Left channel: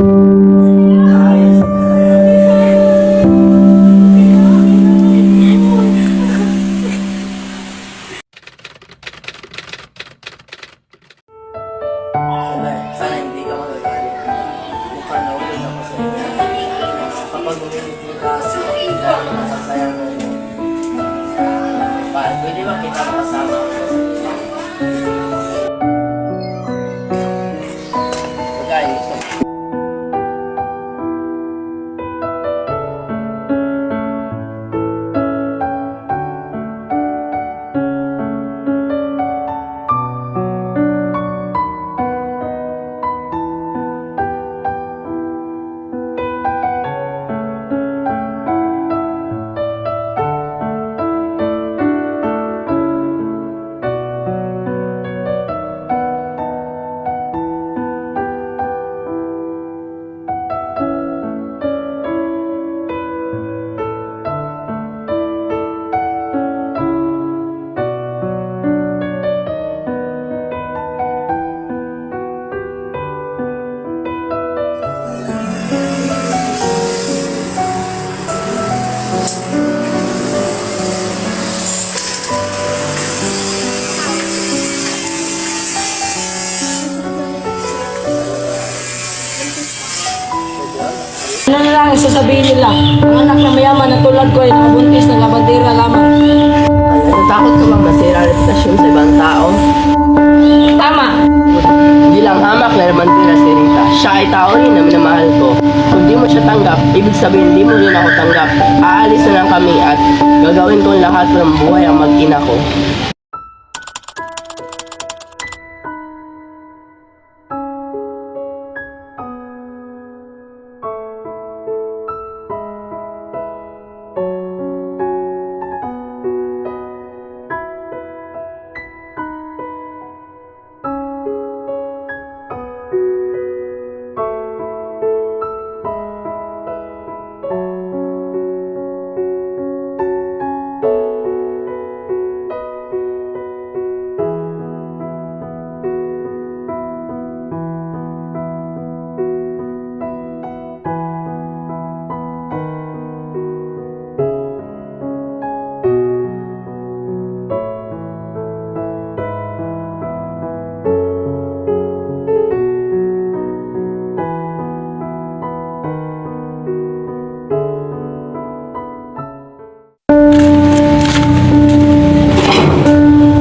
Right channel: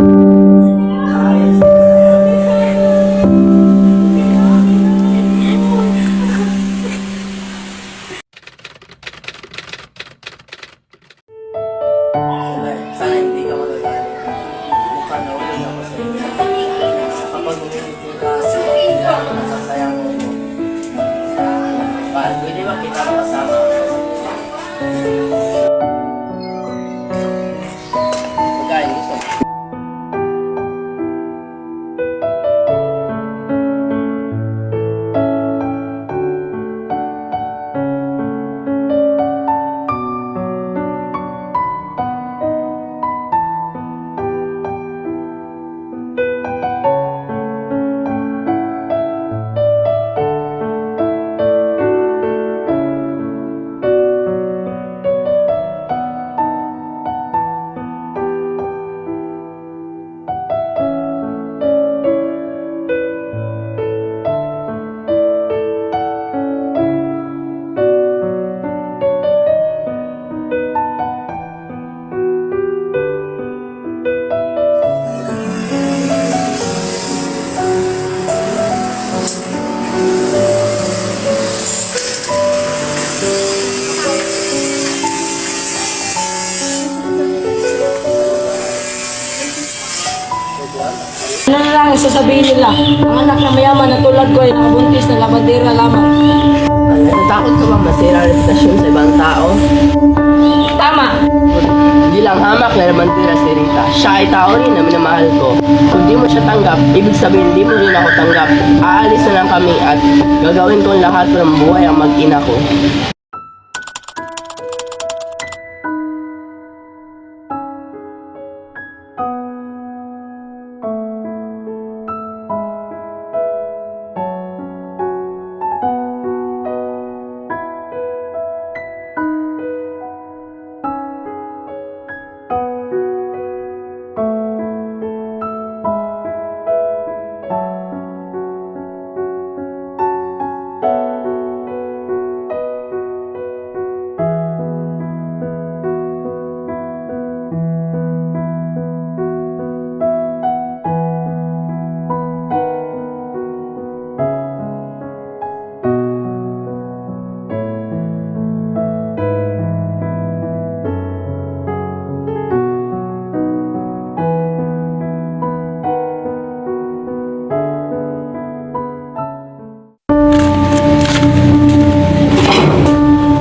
Sana hindi ka magagalit. Mukha na ulo na ako sa iyo. Kapag umimiti ka, kailangan masasayang mo. Pwede ba kita makasama? Pagkain gusto mo. Ano na lang sasabihin nila? Ang anak na mayaman na tulad ko ay nakabuntis ng labandera lamang. Natatakot ka bang masira ang reputasyon sa ibang tao? Tama! Hindi lang hamak na labandera si Rita. Siya ay tao rin na minamahal ko. Kung di mo siya tanggap, ibig sabihin di mo rin ako tanggap. Aalis na lang kami at gagawin ko lahat ng buhay ang mag-ina ko.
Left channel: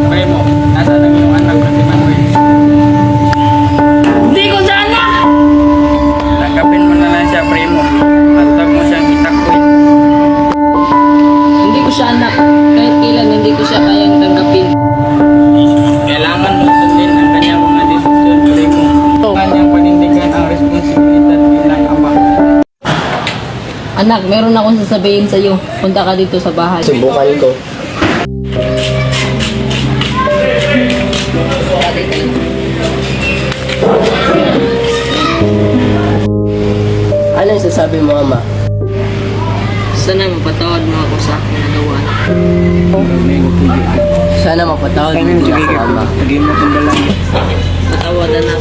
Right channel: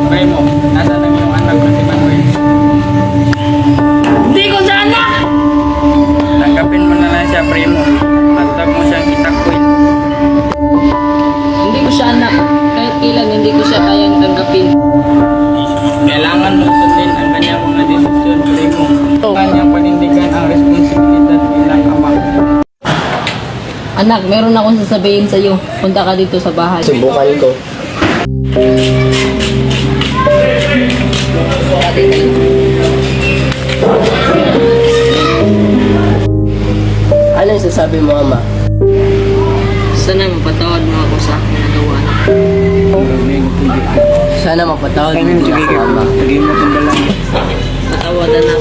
Primo, nasaan ang iyong anak na si Manuel? Hindi ko siya anak! Tanggapin mo na lang siya, Primo. At huwag mo siyang itakwil. Hindi ko siya anak. Kahit kailan hindi ko siya kayang tanggapin. Kailangan mong sundin ang kanyang mga desisyon, Primo. Kanyang panindigan ang responsibilidad bilang ama. Anak, meron akong sasabihin sa iyo. Punta ka dito sa bahay. Subukan ko. Ano yung sasabi mo, Ama? Sana mapatawad mo ako sa aking nagawa. Sana mapatawad mo ako, Ama. Hindi mo kong dalang. Patawad na.